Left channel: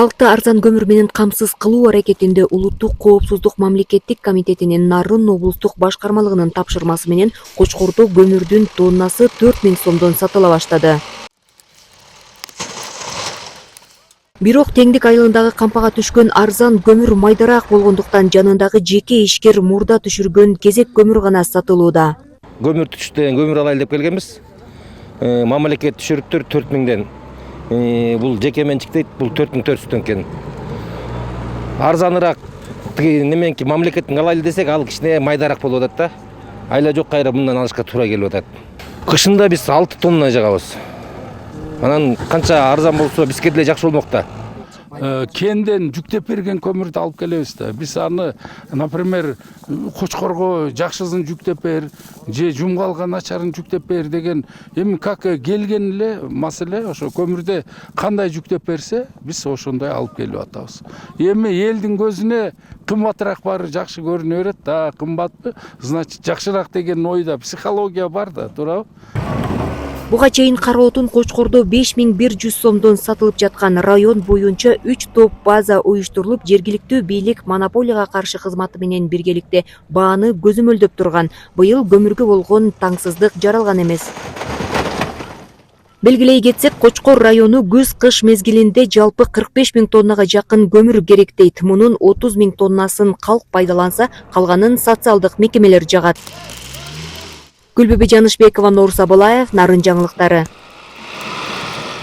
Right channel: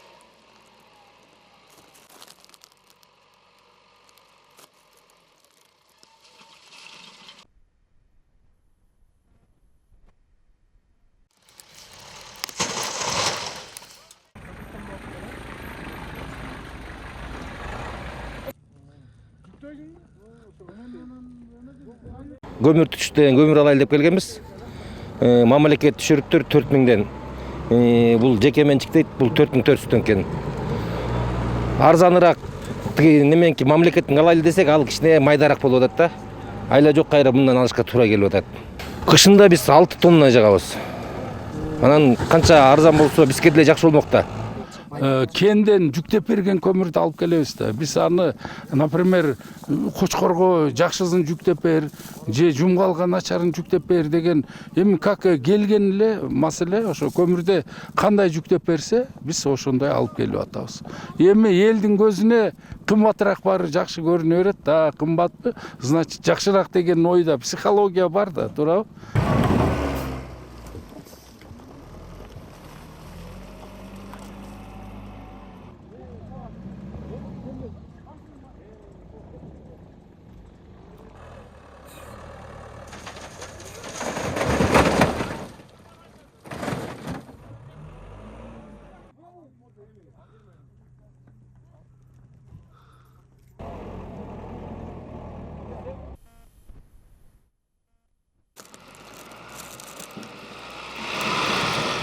Калкты арзан көмүр менен камсыз кылуу аракетинде Улуттук коопсуздук мамлекеттик комитетинин Нарын облустук башкармалыгынын тапшырмасы менен Кочкордо көмүрдүн тоннасы 4000 сомдон сатыла баштады. Бирок Теңдик айылындагы кампага түшкөн арзан көмүр майдараак болгондуктан жанындагы жеке ишкер мурда түшүргөн кезек көмүр гана сатылууда. Көмүр түштөн көмүр алайлы деп келгенбиз. Мамлекет түшүрүптүр 4000ден. Бул жеке менчик дейт, бул 4400 экен. Арзаныраак неменки мамлекеттин алайлы десек, ал кичине майдараак болуп атат да. Айла жок кайра мындан алышка туура келип атат. Кышында биз 6 тонна жагабыз. Анан канча арзан болсо бизге деле жакшы болмок да. Кенден жүктеп берген көмүрдү алып келебиз да. Биз аны, например, Кочкорго жакшысын жүктеп бер, же жумгалга начарын жүктеп бер деген эми как келген эле маселе ошо көмүрдө кандай жүктеп берсе, биз ошондой алып келип атабыз. Эми элдин көзүнө кымбатыраак баары жакшы көрүнө берет да, кымбатпы, значит жакшыраак деген ойда психология бар да, туурабы? Буга чейин кара отун Кочкордо 5100 сомдон сатылып жаткан. Район боюнча 3 топ база уюштурулуп, жергиликтүү бийлик монополияга каршы кызматы менен биргеликте бааны көзөмөлдөп турган. Быйыл көмүргө болгон таңсыздык жаралган эмес. Белгилей кетсек, Кочкор району күз-кыш мезгилинде жалпы 45 000 тоннага жакын көмүр керектейт. Мунун 30 000 тоннасын калк пайдаланса, калганын социалдык мекемелер жагат. Гүлбүбү Жанышбекова, Нур Сабылаев, Нарын жаңылыктары.